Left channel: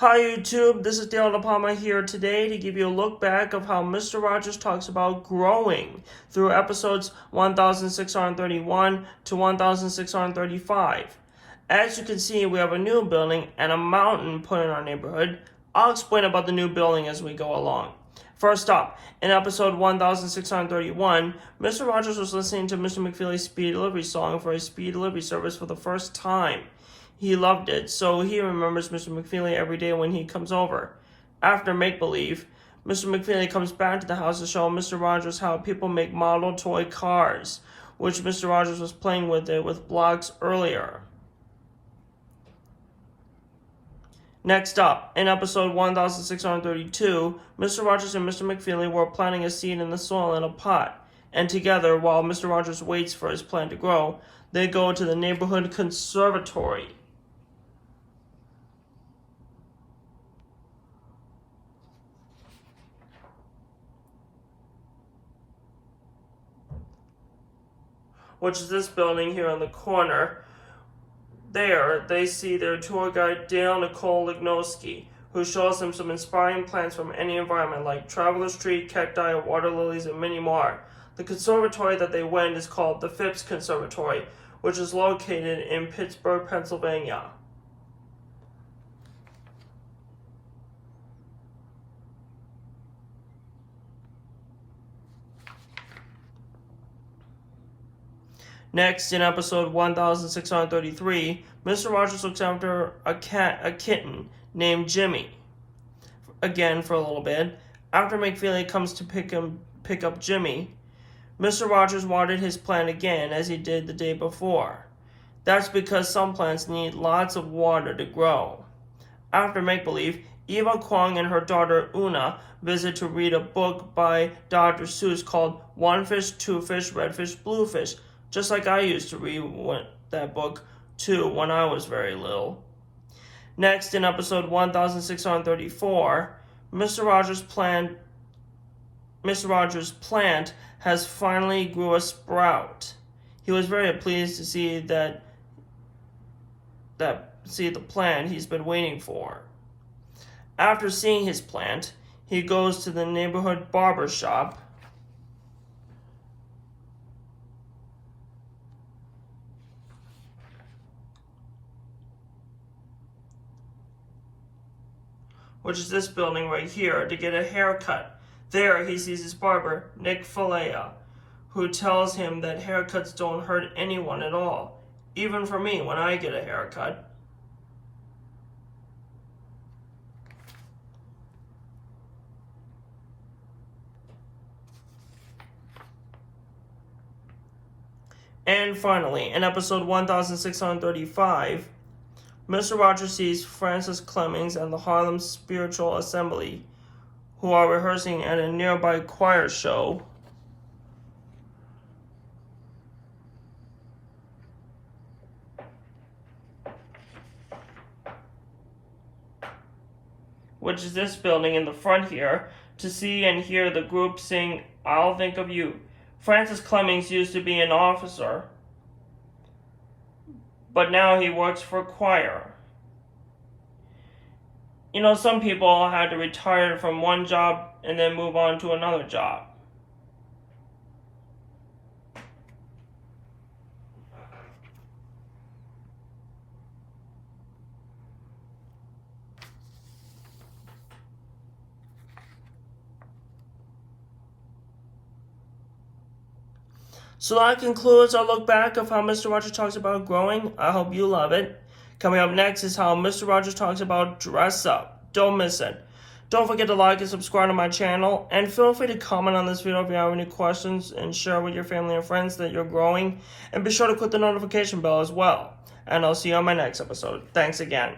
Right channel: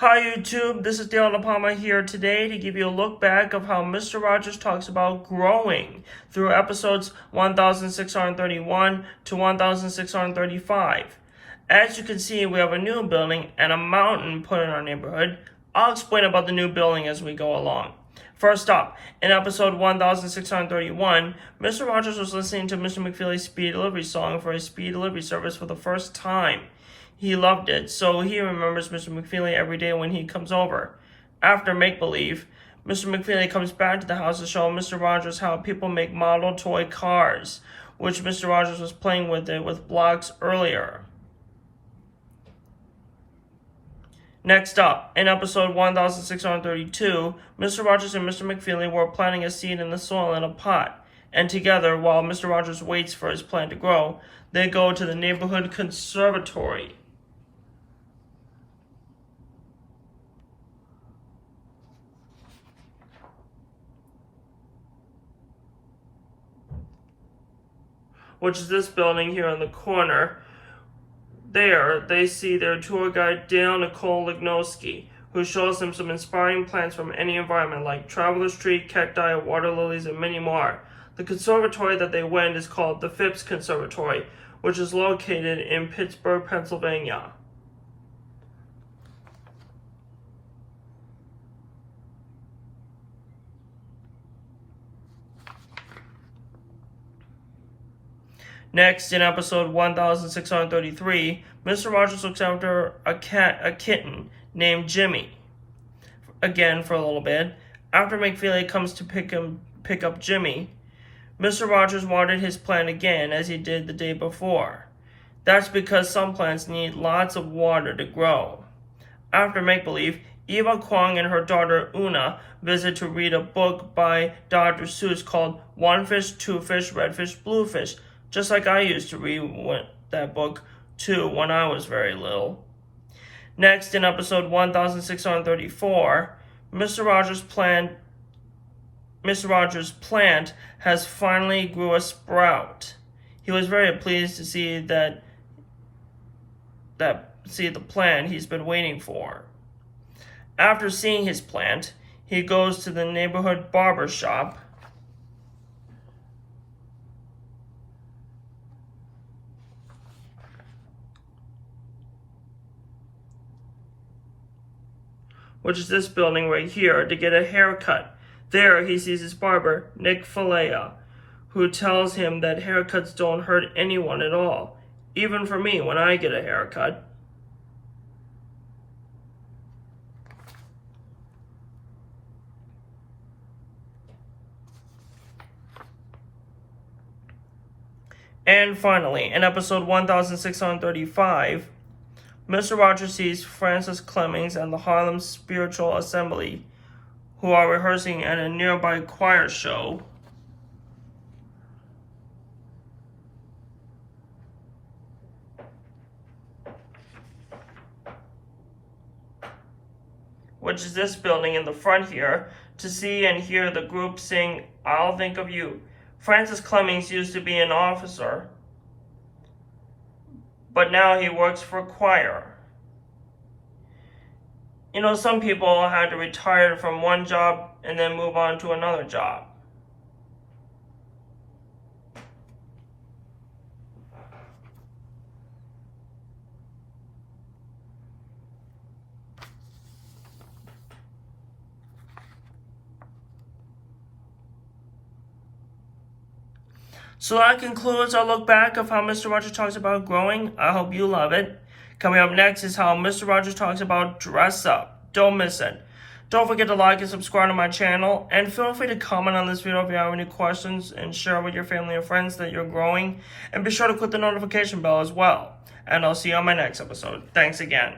Hi YouTube, this is Dale DePalma here today to give you a look back of how Mr. Rogers talks about growing through episodes 1631 to 1635. As you can see, we have a new building and a mountain put in our neighborhood. I'll explain about the new building as we go along. First up, in episode 1631, Mr. Rogers was listening to Mr. McFeely's speed delivery song for his speed delivery service for the first time. He loved it, so he remembers Mr. McFeely every day when he comes over. After make-believe, Mr. McFeely comes back to the house to show Mr. Rogers how people make model toy cars, which Mr. Rogers was playing with it with blocks earlier. Next up, in episode 1632, Mr. Rogers and Mr. McFeely were planting a seed in the soil in a pot, and together, while Mr. Rogers waits for his plant to grow, they go to the neighborhood conservatory. Which is this building here in the corner. There, they see their tour guide Dale Nicole Lignosky, who shows them some inspiring plants from any environment like traveler's tree, cacti, water lilies, and many more. The conservatory that they went is called the Phipps Conservatory, which is located in Pittsburgh, Pennsylvania. Next, in episode 1633, Mr. Rogers looks after a kitten named Jimmy, again for a little bit. After McFeely comes to pick up Jimmy, Mr. Rogers watered his plant again as he did the day before. That's because some plants need lots of water to grow. After make-believe, Eva Kwong and her daughter Una visit to read a book by Dr. Seuss called One Fish, Two Fish, Red Fish, Blue Fish, just like I used to read that book too when I was very little. Next, in episode 1634, Mr. Rogers' plant has finally grew a sprout. He was very pleased to see the plant he's been waiting for. After seeing his plant, he goes to the neighborhood barber shop which is this building right here, to get a haircut. There he sees his barber, Nick Falea, who tells him that haircuts don't hurt anyone at all, even for me when I get a haircut. And finally, in episode 1635, Mr. Rogers sees Francis Clemmings and the Harlem Spiritual Assembly, who are rehearsing at a nearby choir show. Which is this building in the front here, to see and hear the group sing I'll Think of You. Francis Clemmings used to be an officer, but now he works for choir. You know, some people had to retire from one job and then move on to another job. So that concludes our look back of how Mr. Rogers talks about growing. I hope you love it. Coming up next is how Mr. Rogers talks about dress up. Don't miss it. Don't forget to like and subscribe to my channel, and feel free to comment on this video if you have any questions and share with your family and friends that you're growing. And be sure to click the notification bell as well. And I'll see you on my next episode. Thanks again.